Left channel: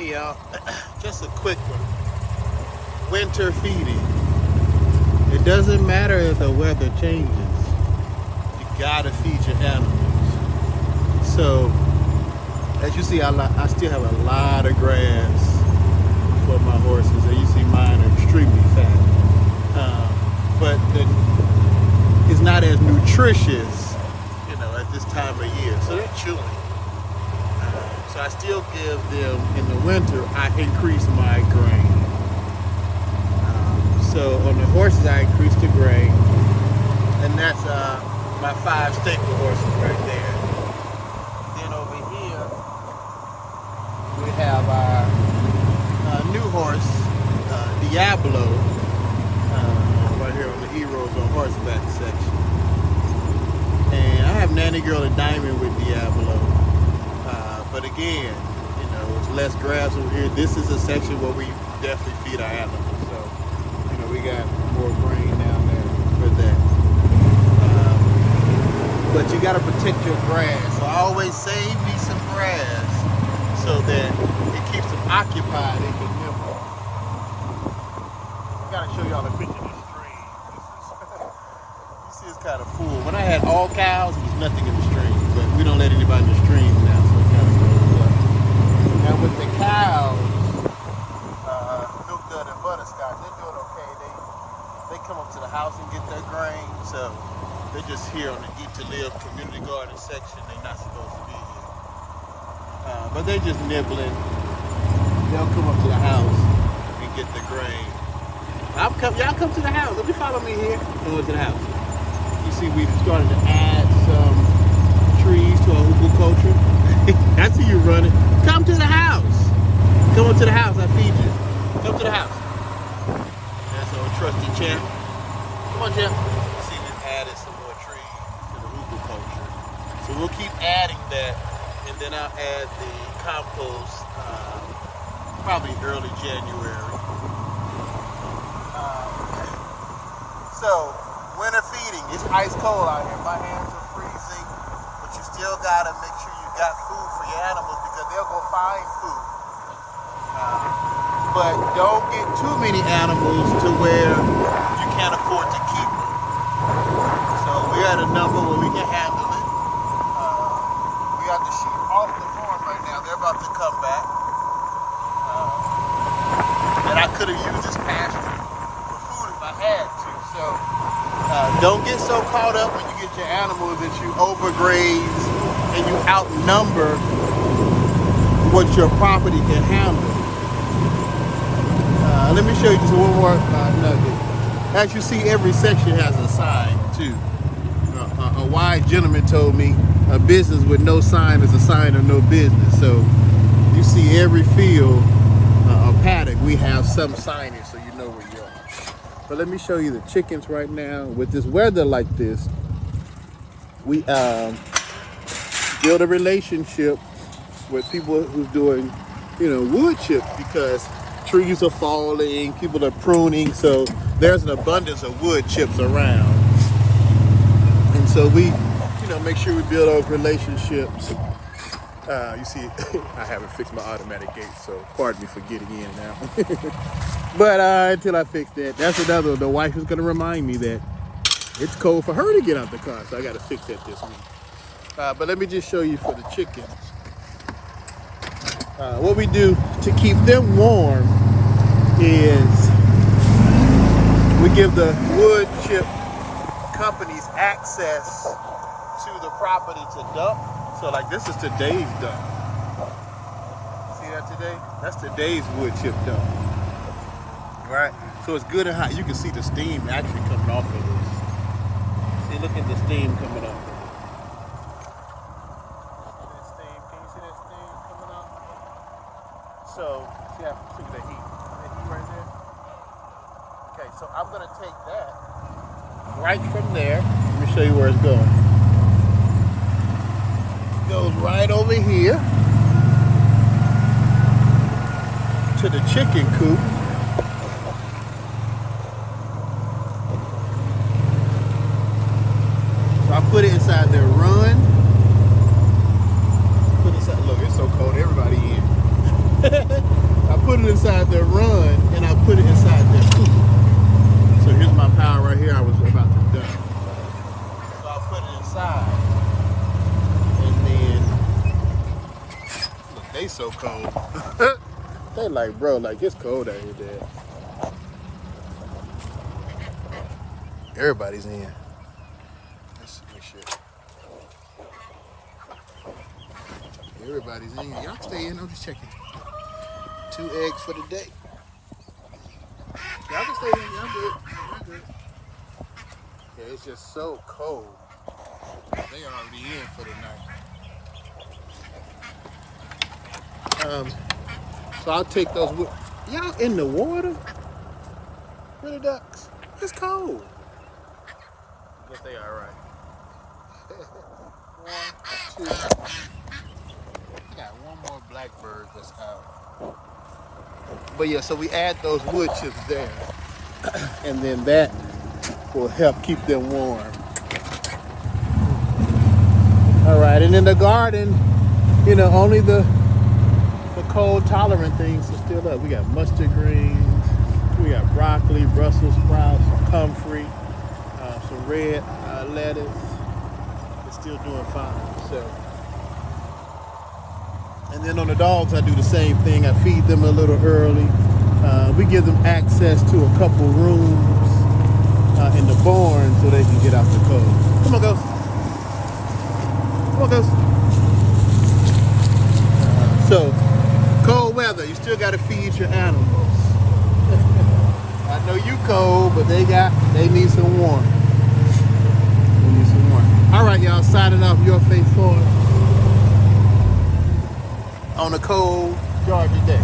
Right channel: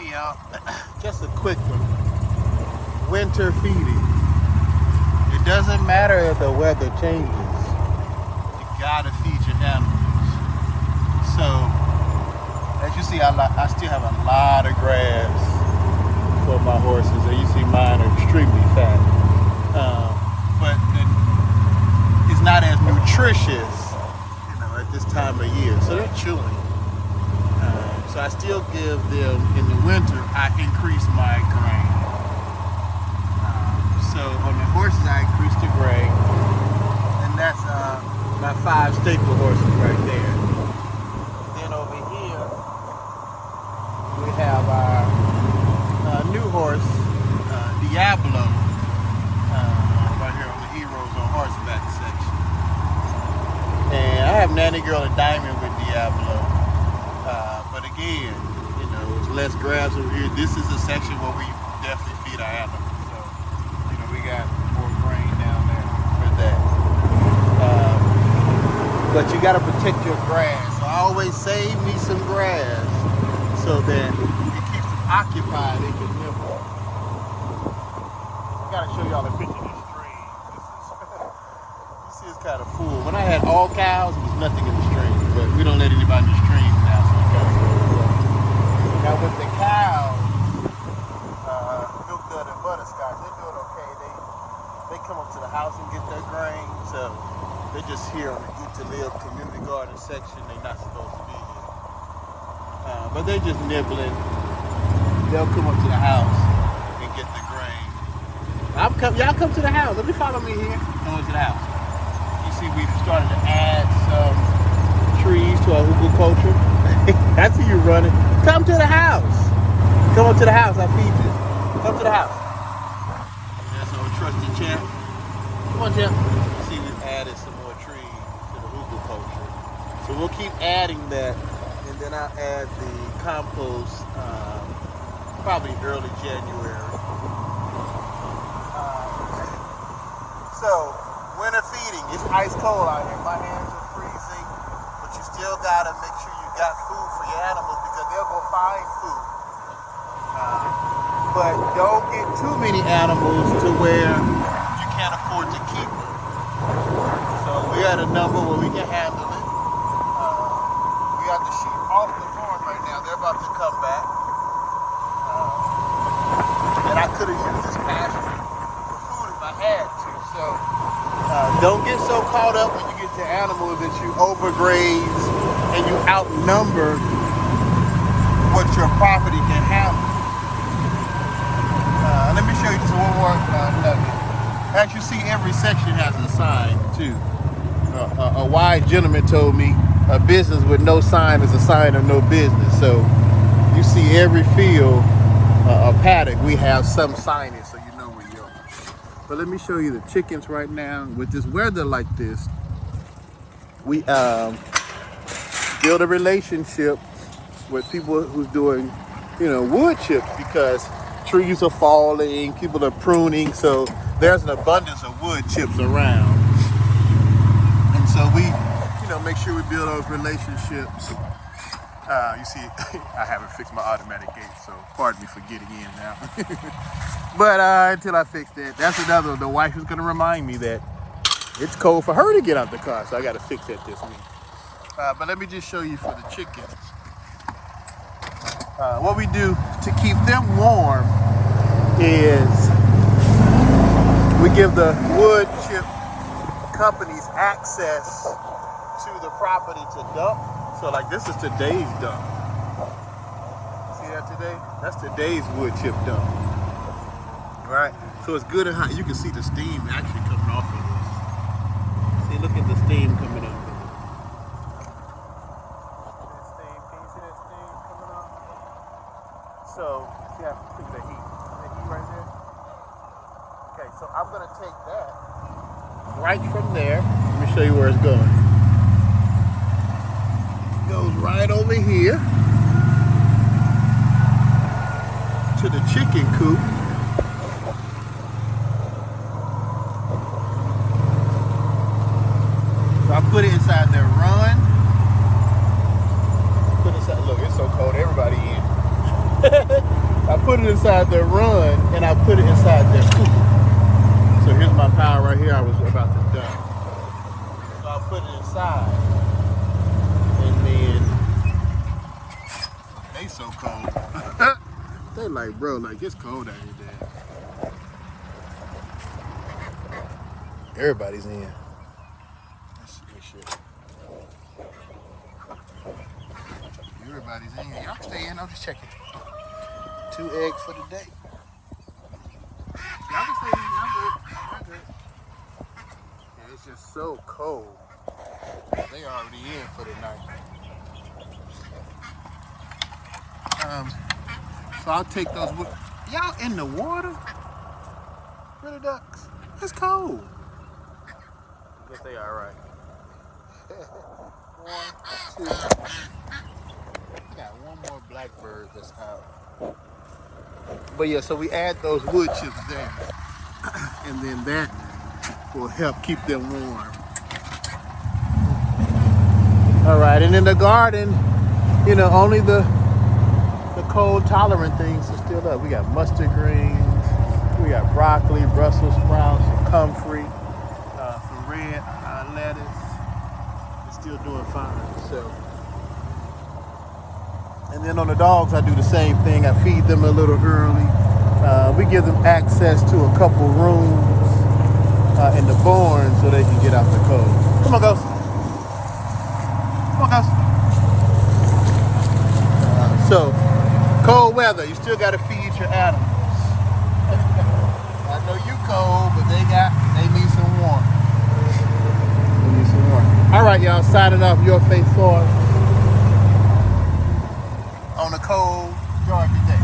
Hey y'all, just a quick one. Winter feeding. It doesn't matter if the weather changes. You gotta feed your animals. So, as you see, I still have a lot of grass for my horses. And you see mine are extremely fat. But it's not as nutritious, at this time of year. So they're chewing. So I still give them, in the winter, I increase my grain. So on the horses, I increase the grain. And that's my 5 staple horses right there. Then over here, we have our new horse, Diablo, right here on the Heroes on Horseback section. And I have Nanny Girl and Diamond with Diablo. But again, it's less grass over here. This is a section where we definitely feed our animals. So, we got more grain down there for that. But you got to protect your grass. So I always save me some grass so that it keeps them occupied and keep them warm. I got to show y'all a picture of this stream. You see it's kind of full. When I had all cows, there was nothing in the stream. But we don't let anybody in the stream now, so it's got to go up. Now with the cows, Milk Dud and Butterscotch, they're doing okay. They come up to the house and get their grain, so they're just here on the Eat to Live community garden section. They're not supposed to be here. But they're just nibbling. They'll come up to the house and get the grain. Y'all come to the house. Let me follow me here. Come up to the house. You see we've started to add some trees to our culture. I see you running. Come to the house. Come up to the house. I feed you. Come to the house. There's our trusty champ. Come on, champ. See, we've added some more trees to the culture. So we'll keep adding that, and then I'll add the compost probably early January. So winter feeding. It's ice cold out here. My hands are freezing, but you still gotta make sure you got food for your animals because they'll go find food. But don't get too many animals to where you can't afford to keep them. So we're at a number where we can handle it. We got the sheep off the farm right now. They're about to come back. And I could have used this pasture for food if I had to. So don't get so caught up when you get your animals that you overgraze and you outnumber what your property can handle. Let me show you just one more nugget. As you see, every section has a sign too. A wise gentleman told me a business with no sign is a sign of no business. So you see every field, a paddock, we have some signage so you know where you are. But let me show you the chickens right now. With this weather like this, we build a relationship with people who's doing, wood chips because trees are falling, people are pruning, so there's an abundance of wood chips around. And so we, make sure we build those relationships. You see, I haven't fixed my automatic gate, so pardon me for getting in now. But until I fix that, that's another one. The wife is gonna remind me that it's cold for her to get out the car, so I gotta fix that this week. But let me just show you for the chickens. What we do to keep them warm is we give the wood chip companies access to the property to dump. So like this is today's dump. See that today? That's today's wood chip dump. Right? So it's good and hot. You can see the steam actually coming off of this. See, look at the steam coming off of it. See that steam? Can you see that steam coming off? So, see how look at that heat. That heat right there? Okay, so I'm gonna take that right from there. Let me show you where it's going. Right over here to the chicken coop. So I put it inside their run. Put it inside. Look, it's so cold. Everybody in. I put it inside their run, and I put it inside their coop. So here's my pile right here I was about to dump. So I put it inside. And then, look, they so cold. They like, bro, like it's cold out here, Dad. Everybody's in. Everybody's in. Y'all can stay in. I'm just checking. 2 eggs for the day. Y'all can stay in. I'm good. I'm good. Yeah, it's just so cold. They already in for the night. So I'll take those with. Y'all in the water? Where the ducks? It's cold. But they all right. 1, 2. Got one more blackbird that's out. But yeah, so we add those wood chips there. And then that will help keep them warm. All right, and in the garden, you know, only the cold tolerant things are still up. We got mustard greens, we got broccoli, Brussels sprouts, comfrey, some red lettuce. It's still doing fine. So, and then on the dogs, I do the same thing. I feed them a little early. We give them access to a couple rooms in the barn so they can get out the cold. Come on, Ghost. Come on, Ghost. So, cold weather, you still got to feed your animals. I know you cold, but they need some warmth. They need some warmth. All right, y'all, signing off Your Face Forest on a cold Georgia day.